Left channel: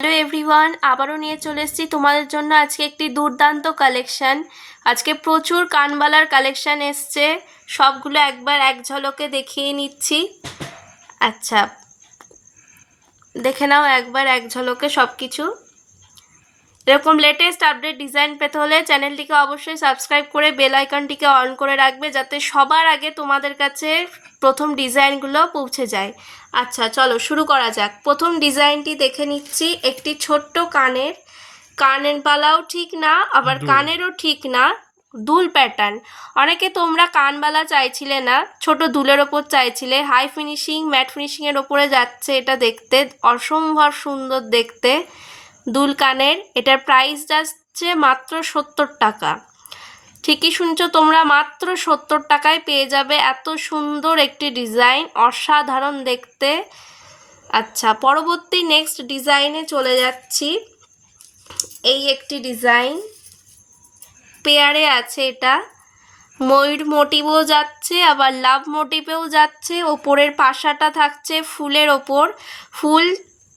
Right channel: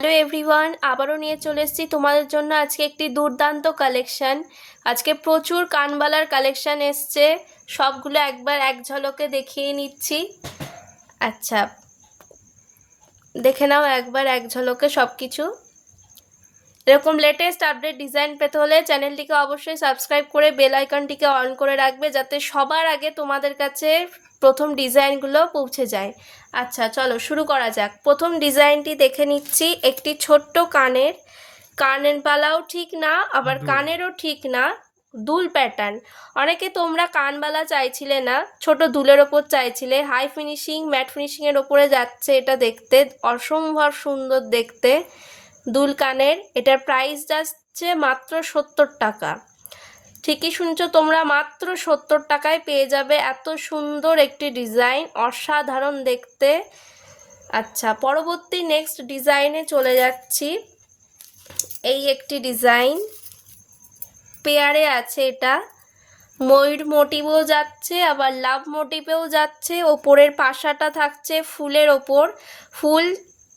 Hello everyone, আবারও নিয়ে চলে এসেছি তোমাদের জন্য আজকে একটি দুর্দান্ত কালেকশন। আজকে প্রচুর কানবালার কালেকশন এসছে, সবগুলো একবার এক ঝলকে দেখিয়ে নিচ্ছি। আচ্ছা, দেখে নাও একবার এক ঝলকে সব কিছু। এরকম লেটেস্ট আপডেট ডিজাইন পেতে হলে চ্যানেলটিকে অবশ্যই সাবস্ক্রাইব করে বেল আইকনটিকে অন করে রাখবে, যাতে সবার আগে তোমাদের কাছে প্রথম ডিজাইনগুলো পৌঁছে যায়। আচ্ছা চলো শুরু করা যাক। প্রথম ডিজাইনটি দেখে নিচ্ছি, একটি ছোট্ট কানের পালাও ঠিক না, আবার কানেরও ঠিক না, দুল প্যাটার্ন। অনেকে তোমরা কানবালা চাইছিলে না, ছোট দুলের ওপর চাইছিলে। হাই ফিনিশিং ম্যাট ফিনিশিংয়ের ওপরে যাচ্ছে এটা দেখতে, অসম্ভব সুন্দর দেখতে দুল কানের। এটার প্রাইস যাচ্ছে মাত্র 70 টাকা। ঠিকই শুনছো তোমরা, মাত্র 70 টাকায় পেয়ে যাবে এত সুন্দর একটি ডিজাইন, অসাধারণ দেখতে। আচ্ছা, পরবর্তী নেক্সট ডিজাইনে চলে যাচ্ছি। এই একটি ডিজাইন পেয়ারে আছে, এটা ময়ূর মোটিভও যাচ্ছে, আবার লাভ মোটিভেও যাচ্ছে। ওপরের পাশাটা থাকছে ফুলের ওপর, ফুল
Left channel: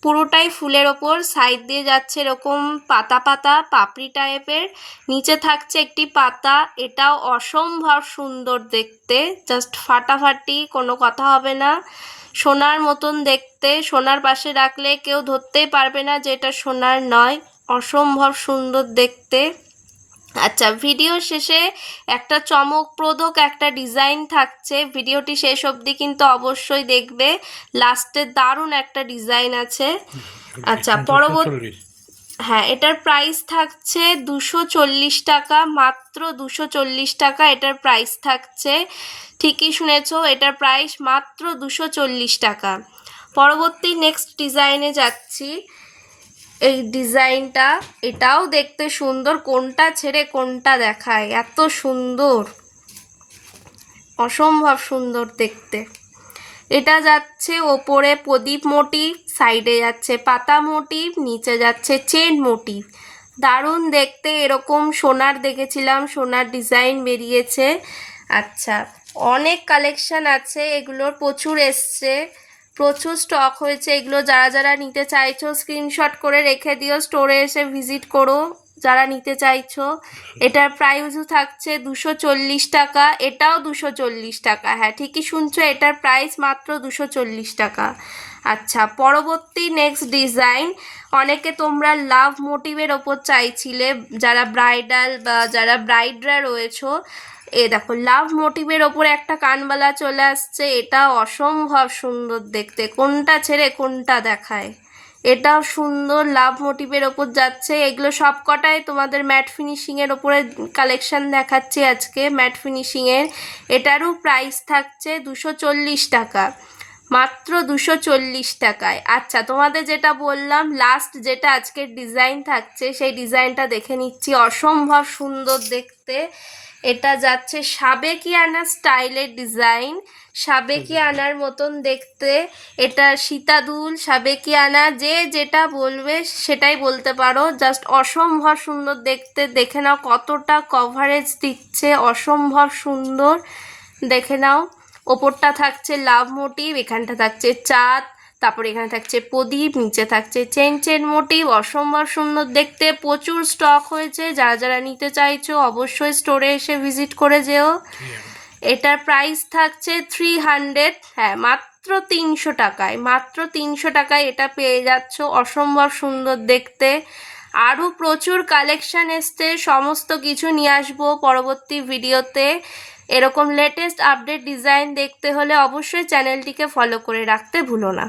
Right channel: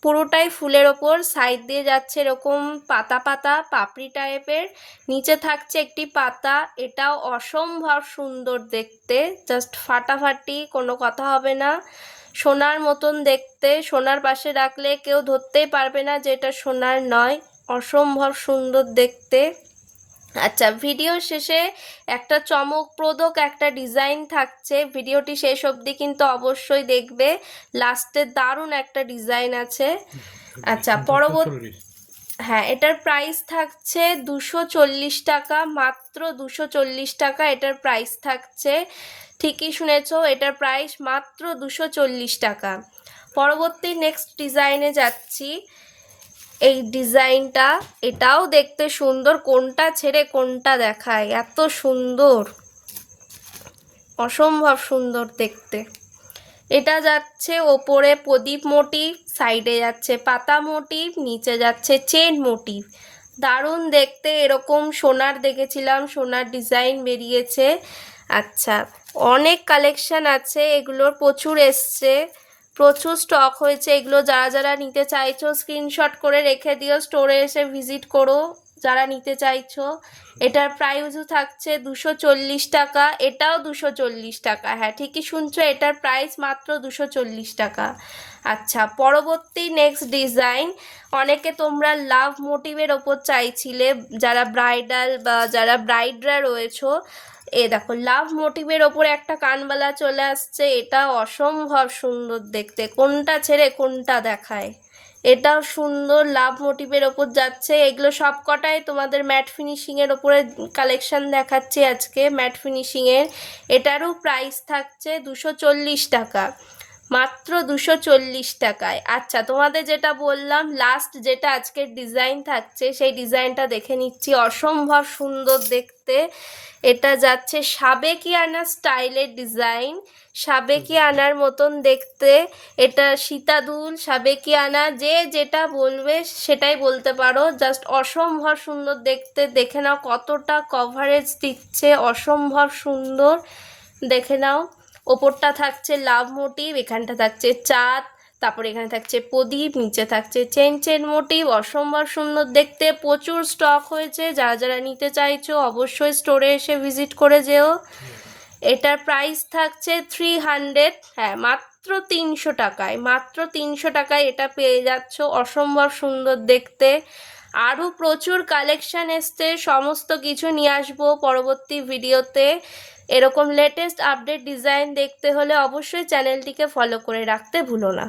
পুরোটাই ফুলের ওপর, সাইড দিয়ে যাচ্ছে এরকম পাতা পাতা পাপড়ি টাইপের, নিচে থাকছে একটি পাতা। এটাও অসম্ভব সুন্দর দেখতে, জাস্ট ফাটাফাটি, কোনো কথা হবে না। সোনার মতন দেখতে, সোনার পাশে রাখলে কেউ ধরতেই পারবে না যে এটা সোনার নয়, অসম্ভব সুন্দর দেখতে। আচ্ছা, ভিডিও শেষে একটা চমকপ্রদক একটা ডিজাইন থাকছে, ভিডিওটি শেষ অবধি কিন্তু অবশ্যই দেখবে, লাস্টে দারুণ একটা ডিজাইন আছে। আচ্ছা, পরবর্তী, হ্যাঁ, এটার প্রাইস থাকছে 240 টাকা, মাত্র 240 টাকা এটার প্রাইস থাকছে। ঠিকই শুনেছো, এটার প্রাইস মাত্র 240 টাকা। পরবর্তী নেক্সট ডিজাইনে যাচ্ছি। এই ডিজাইনটা, এটাও দেখতে সুন্দর, কোনটা ছেড়ে কোনটা দেখায়, এত সুন্দর, অসম্ভব সুন্দর দেখতে। এটা যাচ্ছে ওপরে প্রদীপ মোটিভ, সাইডে যাচ্ছে পাতা মোটিভ, নিচে যাচ্ছে চেন মোটিভ, দারুণ দেখতে। এরকম সোনার দেখেছিলাম, সোনার ডিজাইন বেরিয়েছে। আচ্ছা, অনেক কালেকশন আছে, এগুলোর প্রচুর এসছে, প্রচুর স্টক হয়েছে। এগুলো যারা যারা নিতে চাইছো স্ক্রিনশট করে রেখে দিও, স্টোরে এসে ভিজিট করো যারা নিতে চাইছো। এটার প্রাইসও থাকছে 240 টাকা, এটাও 240 টাকা। হ্যাঁ ঠিকই শুনছো, এটার প্রাইস মাত্র 240 টাকা। আচ্ছা, পরবর্তী নেক্সট ডিজাইন, অনেকে তোমরা লাভ মোটিভের ওপর চাইছিলে, যারা ব্রাইডাল বা যারা ব্রাইডরা রয়েছো। এ দেখো, লাভ মোটিভের ওপরে একটা কানবালা চলে আসছে, এটা অসম্ভব সুন্দর দেখতে, কোনটা ছেড়ে কোনটা দেখায়। এটাও সুন্দর, লাভ মোটিভের ওপর যাচ্ছে। এগুলো সবকটাই তোমাদের ম্যাট ফিনিশিংয়ের ওপরে কালেকশন দেখাচ্ছি আজকে, ম্যাট ফিনিশিংয়ের। এটারও প্রাইস থাকছে 240 টাকা, মাত্র 240 টাকায়। আচ্ছা, তোমাদের যেটা বললাম লাস্ট যেটা আজকের ডিজাইন থাকছে, সেই ডিজাইনটা দেখে নিচ্ছি, অসম্ভব সুন্দর দেখতে। এটা যাচ্ছে সাবেকিয়ানা স্টাইলের ডিজাইন, সাবেকিয়ানার মতন দেখতে। এটা সীতাদুল সাবেকিয়ানা, যে যেটা বলবে সেটাই বলতে পারো, জাস্ট অসম্ভব সুন্দর দেখতে। দেখে নাও কতটা কভারেজ দিচ্ছে, অসম্ভব সুন্দর দেখে নাও। ওপরটা থাকছে লাভ মোটিভ, এখানটা থাকছে চাঁদ, তারপর এখানে থাকছে প্রদীপ, নিচে থাকছে চেন চেন মোটিভ, অসম্ভব সুন্দর দেখতে। প্রচুর স্টক হয়েছে, যারা যারা নিতে চাইছো অবশ্যই স্টোরে এসে ভিজিট করে যেও। এটার প্রাইস থাকছে 300, হ্যাঁ মাত্র 300 টাকায়, মাত্র 300 টাকায় এটা পেয়ে যাচ্ছ, অসম্ভব সুন্দর দেখতে। আরও প্রচুর কালেকশন এসছে, সমস্ত কিছু নিয়ে আসবো পরবর্তী ভিডিওতে। এরকম লেটেস্ট আপডেট ডিজাইন দেখতে হলে অবশ্যই চ্যানেলটিকে ফলো করে রাখতে ভুলো না।